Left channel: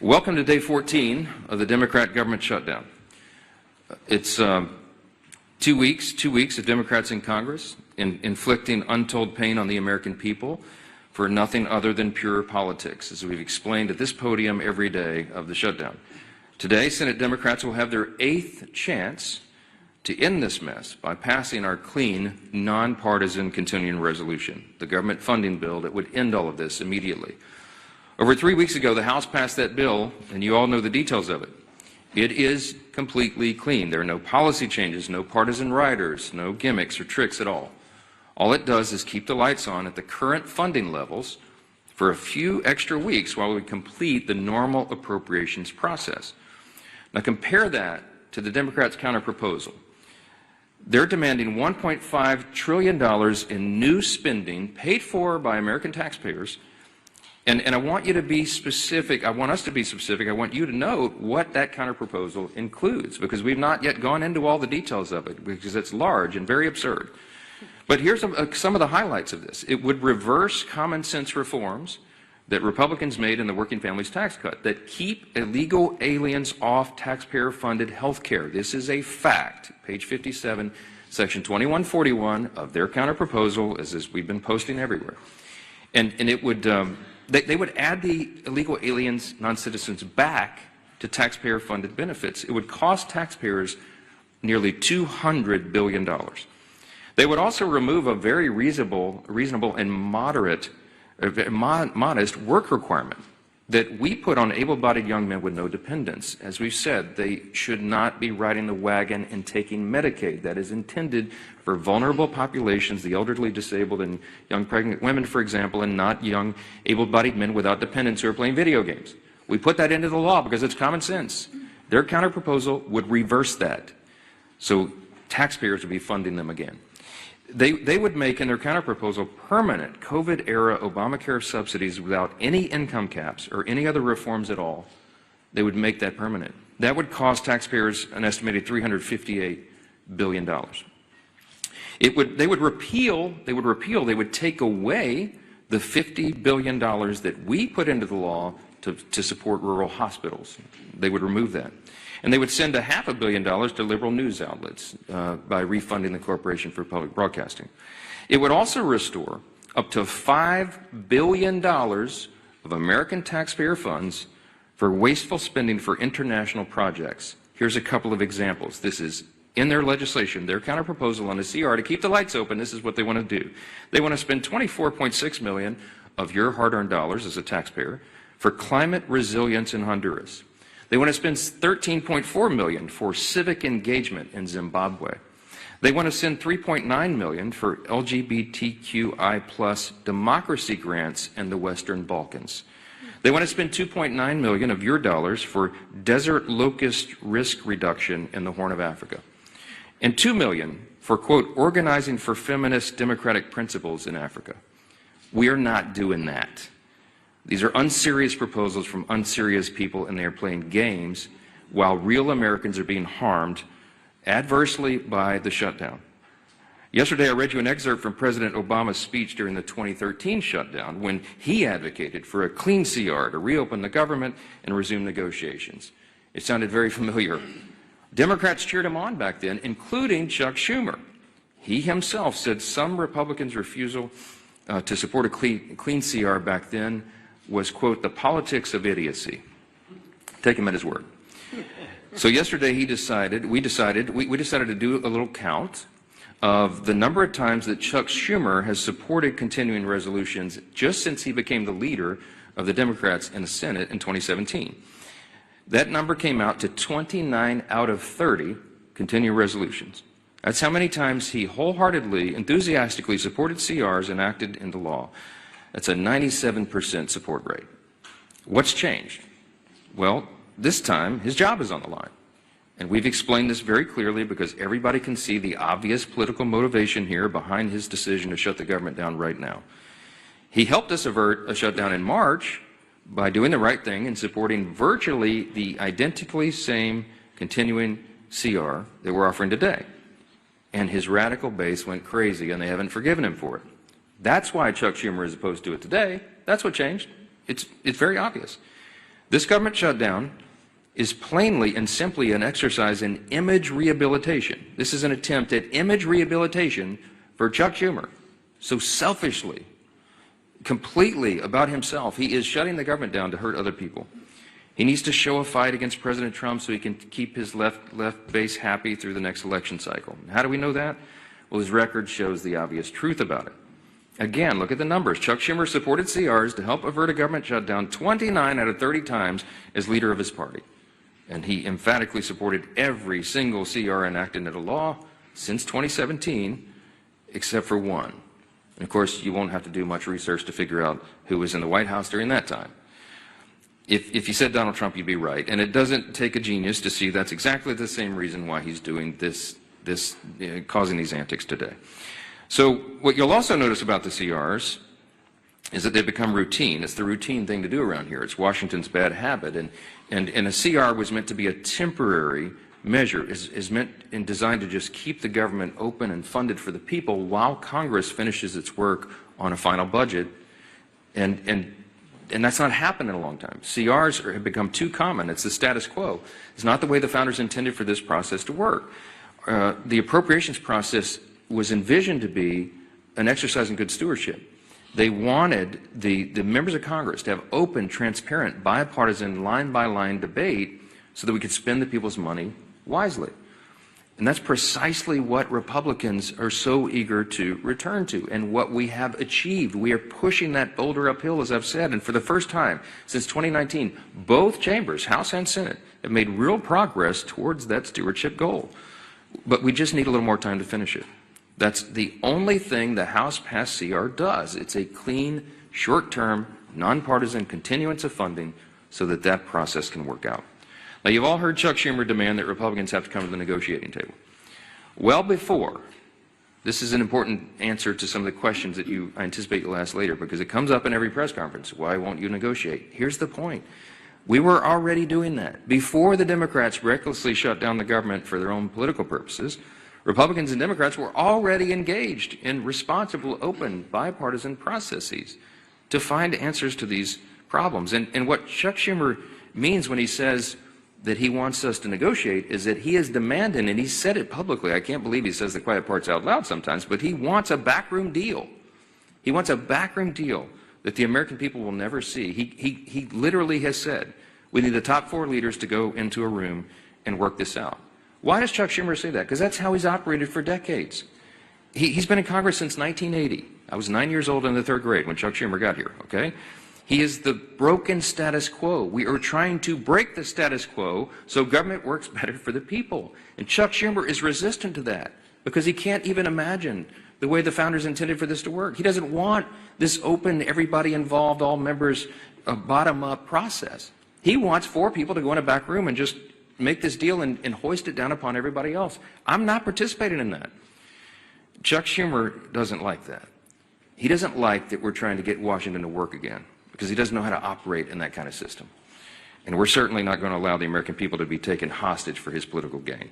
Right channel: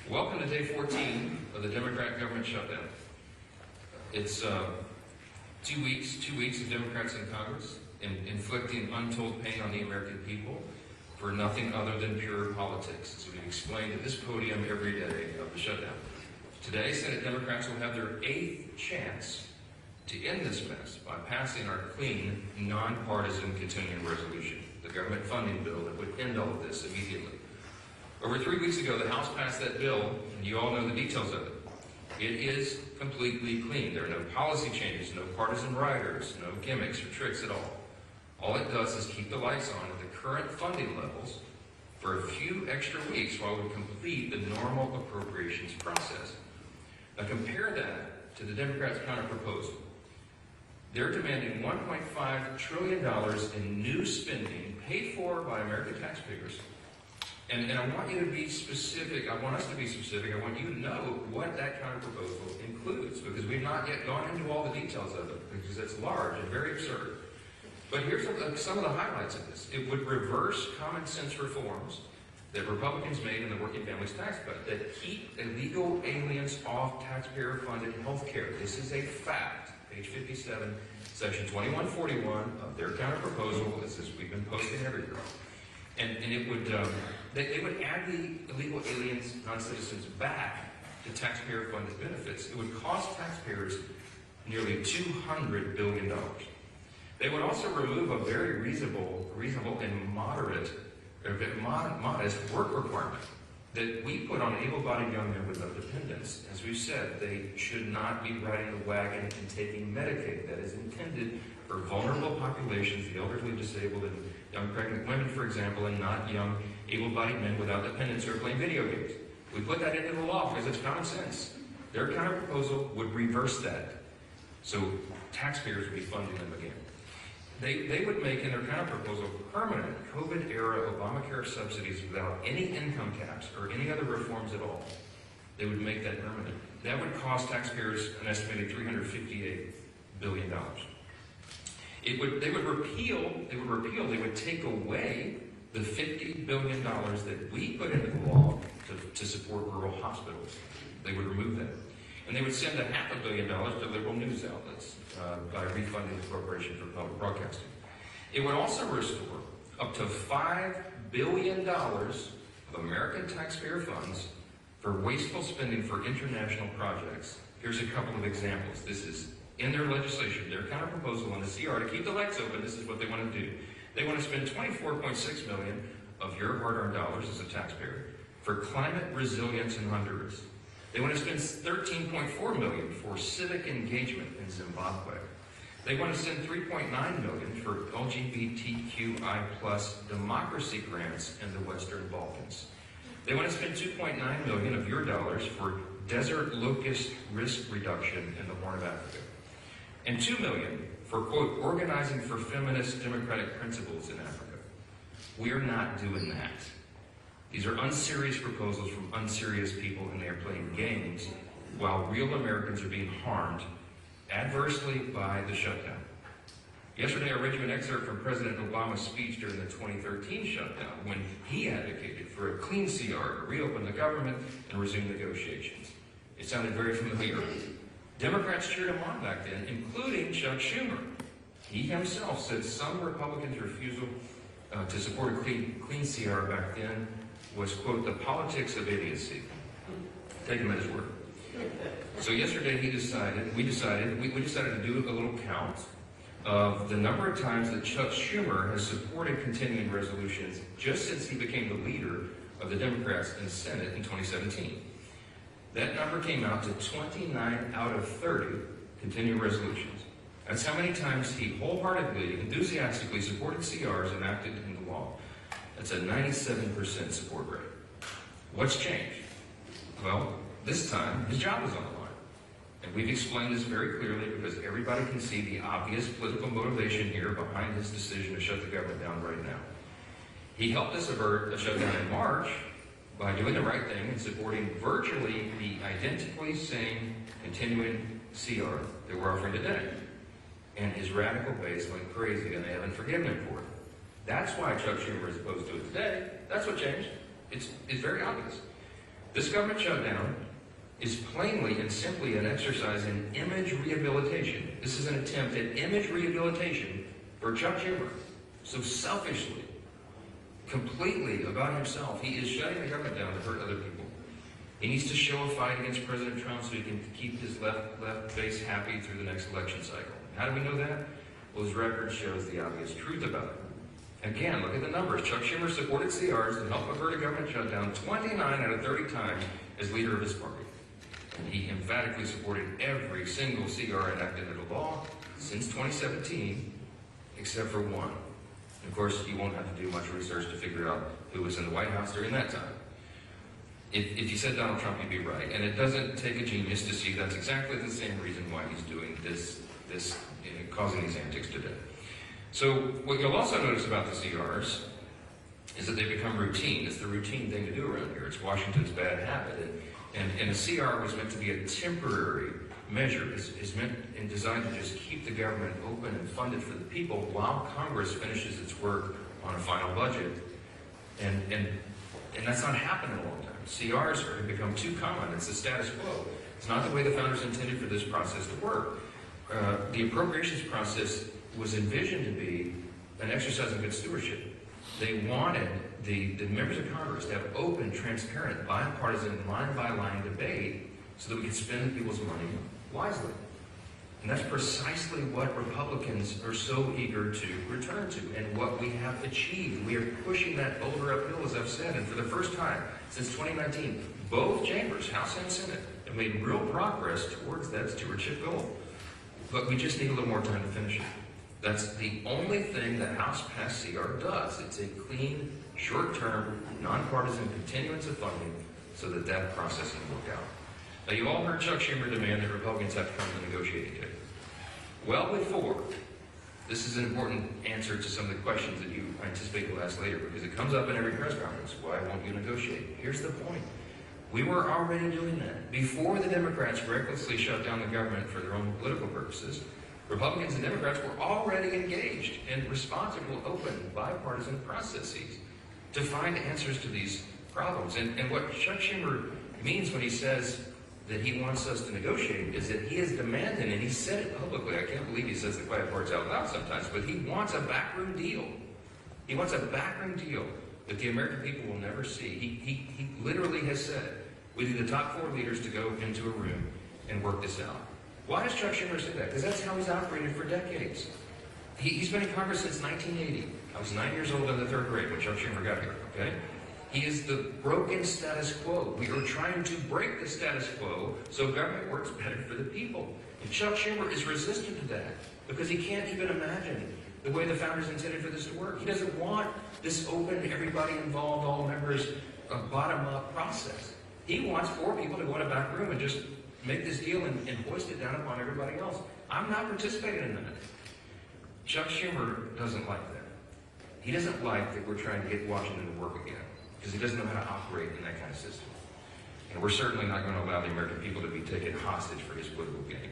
Welcome to day 14 of the Democrat government shutdown. It's 2 weeks of Democrats in Congress inflicting untold pain on the American people for nothing other than pure politics, as we've explained at this podium every day of the shutdown. Today, Senate Democrats will have their 8th chance to end this mess by passing our clean, nonpartisan continuing resolution, the government funding bill that would end all of this immediately. Over 3 weeks ago, the House passed that bill, and you all know the details of it. It is completely clean. There are no policy changes, no partisan riders, no gimmicks or tricks at all. All it does is keep the lights on at the current funding levels for a few extra weeks while we complete the normal appropriations process. Now compare that to the Democrats' counterproposal. They're demanding $1.5 trillion in new spending paid for by American taxpayers. And I want you to be specific. I want us to be specific. I want you to know what that counterproposal includes, because we've not yet gone into all the details of it, because it's large and very absurd. But here's some of the highlights of this. It would reverse common sense reforms that Republicans made in the Working Families Tax Cut that keep illegal aliens off taxpayer-funded health care. This is a fact. Page 57, section 2141 of their counterproposal is this we've been posting everywhere. And it would, they would add the illegal aliens, non-citizens, back to taxpayer-funded benefits. It would cost taxpayers nearly $200 billion. They would also remove a very reasonable and modest work requirement that we put on able-bodied young men with no dependents. As we've said, they should not be riding the wagon and taking Medicaid. That is intended for vulnerable populations, the elderly, disabled, and young pregnant women, for example, and not young able-bodied men without dependents who are playing video games. We put that into the law because it's common sense. Their counterproposal would reverse that, so taxpayers would be funding them again. They would make, in their counterproposal, permanent COVID-era Obamacare subsidies without any income caps or any other reforms at all. They would make that permanent. That would cost taxpayers an estimated $358 billion. They would take away the $50 billion that we put into the law to support rural hospitals. They would remove that. And they would send $500 million to liberal news outlets by refunding the Corporation for Public Broadcasting. It would also restore up to $5 billion of American taxpayer funds for wasteful spending for international projects. Here's a couple of examples. This is in their legislation, their counterproposal on a CR to keep the lights open. This is what they want to do. They want to spend $24.6 million of your hard-earned dollars as a taxpayer for climate resilience in Honduras. They want to spend $13.4 million for civic engagement in Zimbabwe. They want to send $3.9 million for LGBTQI+ democracy grants in the Western Balkans. They want to spend $2.9 million of your dollars for desert locust risk reduction in the Horn of Africa. And $2 million for, quote, organizing for feminist democratic principles in Africa. We are not doing that. These are unserious proposals from unserious people, and they are playing games while real Americans are being harmed adversely by the shutdown. Yesterday, I read you an excerpt from President Obama's speech during the 2013 shutdown when he advocated for a clean CR to reopen the government and resume negotiations. It sounded very familiar. Democrats cheered him on back then, including Chuck Schumer. He himself said some Republicans' refusal to support a clean CR back then was, quote, the politics of idiocy. Take him at his word. So yesterday we decided to do a little count of the number of times that Chuck Schumer has supported continuing resolutions just since he became the leader of the Democrats in the Senate in 2017. That number came out to 29 out of 30 continuing resolutions. That's how many times he wholeheartedly, enthusiastically supported CRs enacted into law. That's a 97% support rate. What's changed? Well, this time his job is on the line. And we've explained this very clearly because everybody can see the obvious political motivation here behind his decision to shut the government down right now. He helped us avert a shutdown in March by doing the right thing and supporting virtually the identically same continuing CR that we're offering today. And his radical base went crazy, and they haven't forgiven him for it. That's why Chuck Schumer is opposed to it today. That's what changed. It's very obvious. This government shutdown is plainly and simply an exercise in image rehabilitation. This is an attempt at image rehabilitation for Chuck Schumer. So selfishly, completely about himself, he is shutting the government down to hurt other people. He needs to show a fight against President Trump so he can keep his left base happy through the next election cycle. How do we know that? Well, his record shows the obvious truth about it. Again, look at the numbers. Chuck Schumer supported CRs to help avert a government shutdown 29 out of 30 times as leader of his party. And he emphatically supported every single CR enacted into law since 2017, except for one. And of course, you won't have to do much research to figure out who was in the White House during that time. If you said Donald Trump, you'd be right. And it doesn't take a genius to see that's exactly the same reason why he's doing causing these antics today. So what you'll also notice about the CRs is that they've become routine. It's the routine thing to do around here. It's Washington's bad habit. And a CR was meant to be a temporary measure, is meant and designed to just keep the government open and funded for the people while Congress finishes its work on a final budget. And that's not happened in a long time. CRs have become too common. It's the status quo. It's not the way the founders intended for this process to work. The appropriations process was envisioned to be an exercise in good stewardship. They wanted the members of Congress to have open, transparent, bipartisan, line-by-line debate so that we could spend the people's money wisely. And that's precisely what Republicans are so eager to return to and what we have achieved. We are pushing that boulder uphill, as I've said, and for the first time since 2019, both chambers, House and Senate, have made real progress towards that stewardship goal. But we just need a little more time to finish it. That's the only thing the House passed CR does. It's a clean, short-term, nonpartisan continuance of funding so that that process can work out. Now, you've all heard Chuck Schumer demand that Republicans have to come to the negotiating table. Well before, this is an important answer to some of the questions that I anticipate you'll ask later, because it comes up in every press conference. Why won't you negotiate? Here's the point. We were already doing that. Before the Democrats recklessly shut down the government for their own political purposes, Republicans and Democrats were already engaged in responsible, open, bipartisan processes to find answers to these problems. And what Chuck Schumer means when he says that he wants us to negotiate is that he is demanding, and he said it publicly, I can't believe he says the quiet parts out loud sometimes, but he wants a backroom deal. He wants a backroom deal that the American people will never see. He literally has said, we need the top 4 leaders to go into a room and work this out. Why does Chuck Schumer say that? Because that's how he's operated for decades. He's been in Congress since 1980. I was 9 years old in the 3rd grade when Chuck Schumer got here, okay? He is the broken status quo. We are trying to break the status quo so government works better for the people. And Chuck Schumer is resistant to that because he can't even imagine the way the founders intended for this to work. He doesn't want this open, everybody involved, all members, bottom-up process. He wants 4 people to go in a back room and just make this deal and hoist it down upon everybody else. I'm not participating in that. Chuck Schumer doesn't like that. He doesn't like that we're trying to get Washington to work again because he doesn't know how to operate in that kind of system. And we're certainly not going to allow the American people to be taken hostage for his political gain.